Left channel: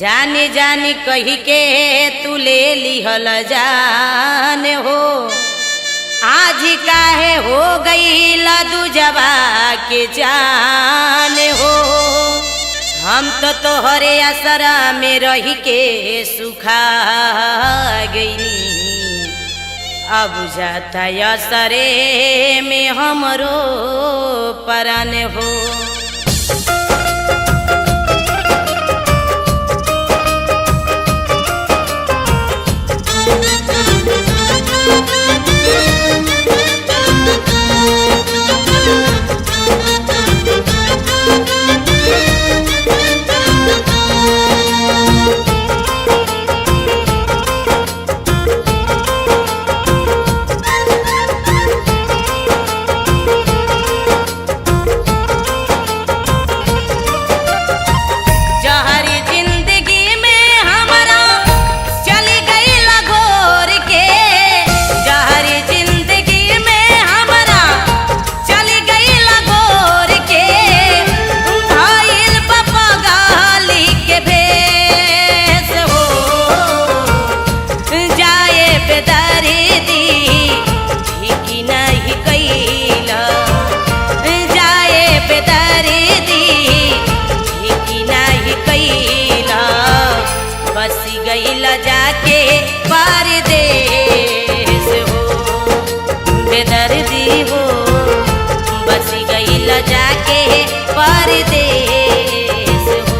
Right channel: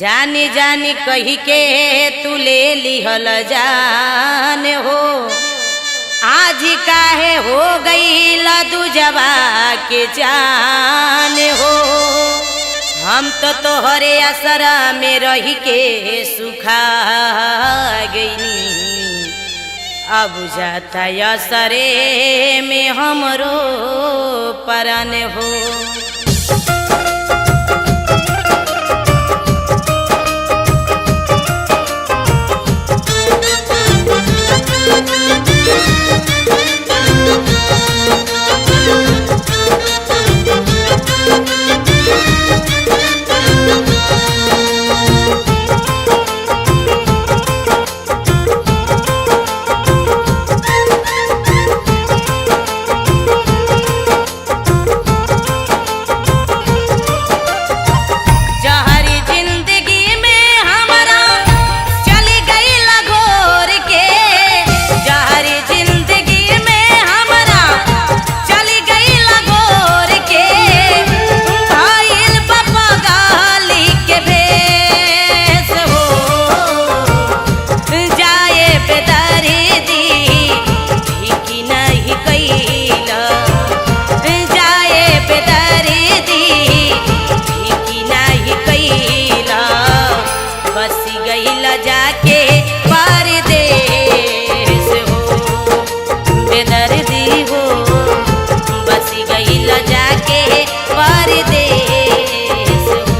जानी जानी कही के तू ले लिहल जान हो। आज काहे हो गई दूजवा के जान हो। हम तो तोहरे असरा में रही के सुखा गईनी। अब जाता असरे में हमरो परान हो। बसी गईला जाके परदेस हो बेदर्दी हो। बसी गईला जाके परदेस हो।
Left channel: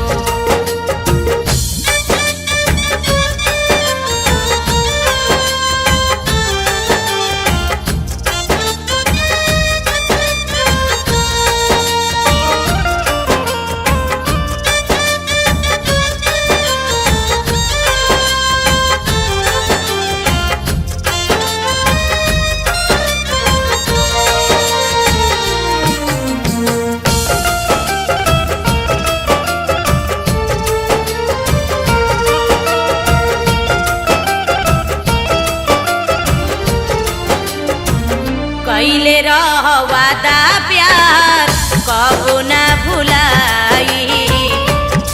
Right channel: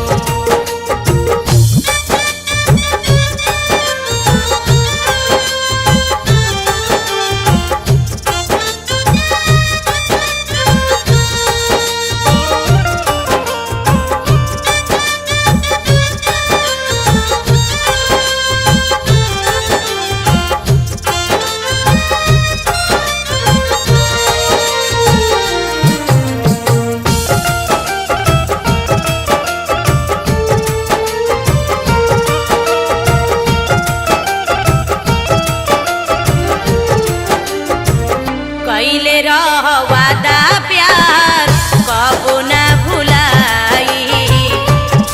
कैले रह वादा प्यार कबो ना भुलाई।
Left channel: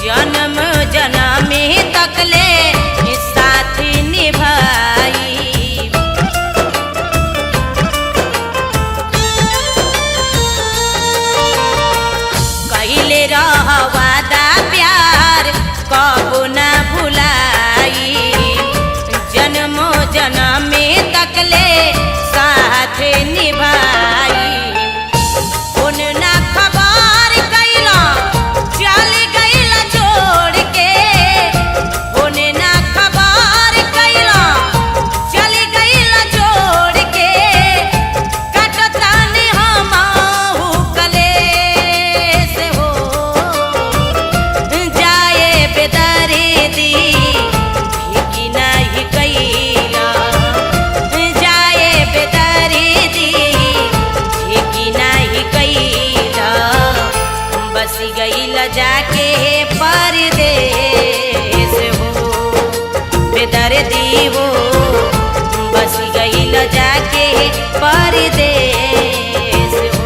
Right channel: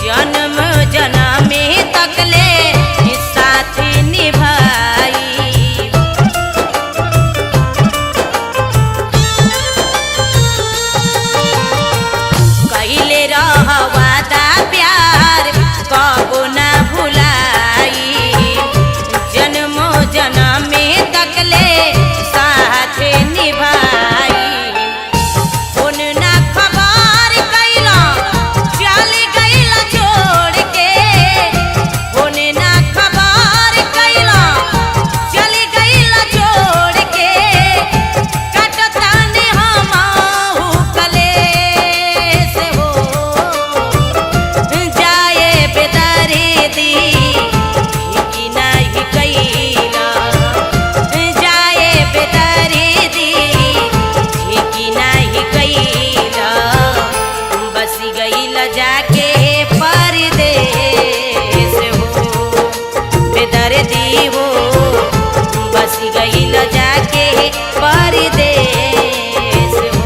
जन्म जन्म तकले साथ निभाई। कैले रह वादा प्यार कबो ना भुलाई। जन्म जन्म तकले साथ निभाई। उन ना खबर कैला चल गईला छोड़ के। उन ना खबर कैला चल गईला छोड़ के। कटताने हमहु कलेस हो। जाए बेदर्दी कि नहीं कैला। जाए बेदर्दी कि नहीं कैला। बसी गईला जाके परदेस हो बेदर्दी हो। बसी गईला जाके परदेस हो।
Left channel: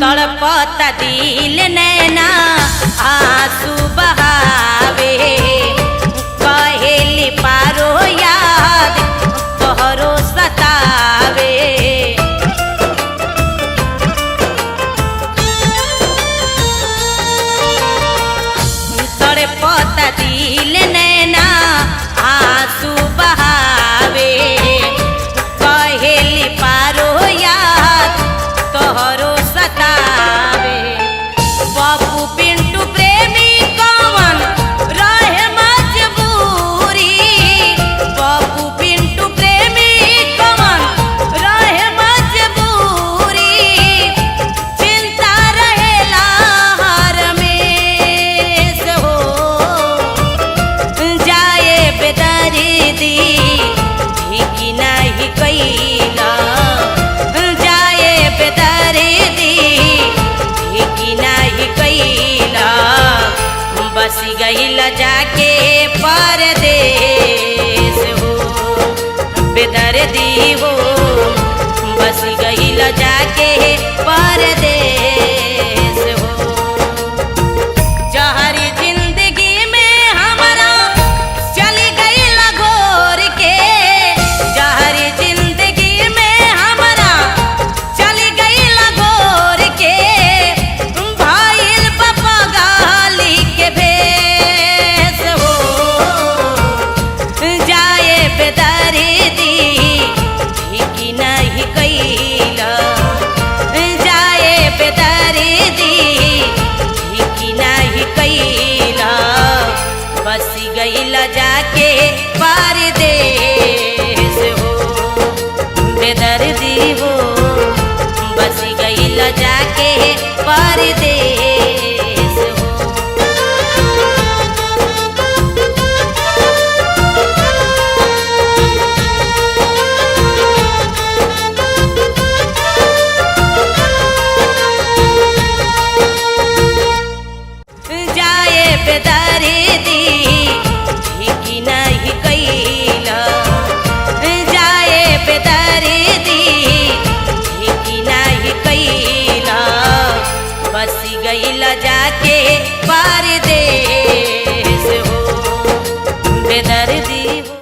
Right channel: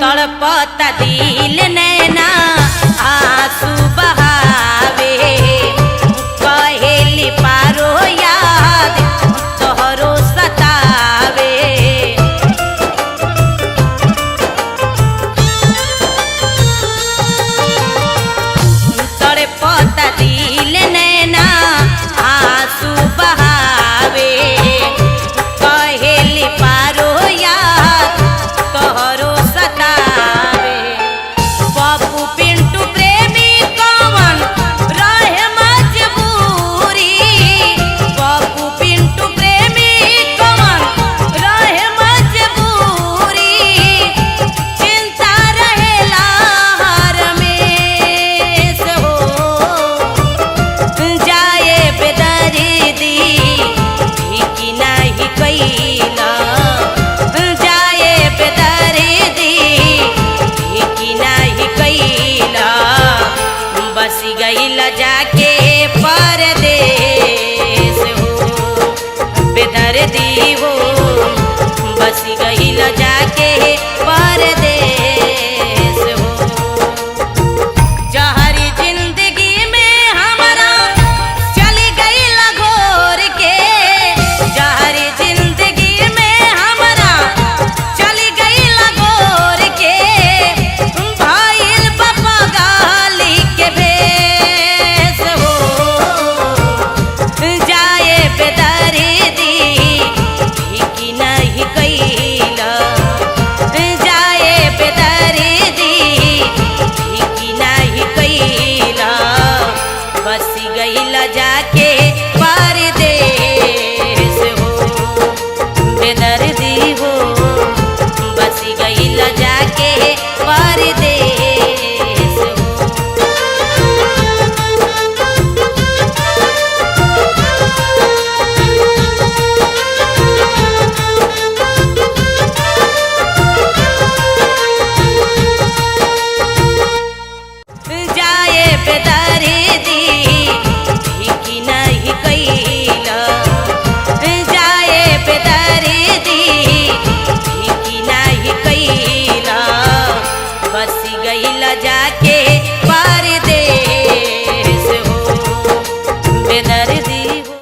तड़पता दिल नैना आंसू बहावे। कहेली पारो याद तोहरो सतावे। तड़पता दिल नैना आंसू बहावे। कहेली पारो याद तोहरो सतावे। पप्पू पिंटू प्रेमी कौन रहे मजबूरी। पप्पू पिंटू प्रेमी कौन रहे मजबूरी। चिंता रहेला हर में गईल जाके परदेस हो बेदर्दी हो बस गईल जाके परदेस हो जहरी जिंदगी में हमारा चली गईल घोर के जहरी जिंदगी में हमारा चली गईल घोर के भाईल पापा गाली के भेस हो जाए बेदर्दी की नहीं कैला जाए बेदर्दी की नहीं कैला बस गईल जाके परदेस हो बेदर्दी हो बस गईल जाके परदेस हो जाए बेदर्दी की नहीं कैला जाए बेदर्दी की नहीं कैला बस गईल जाके परदेस हो बेदर्दी हो।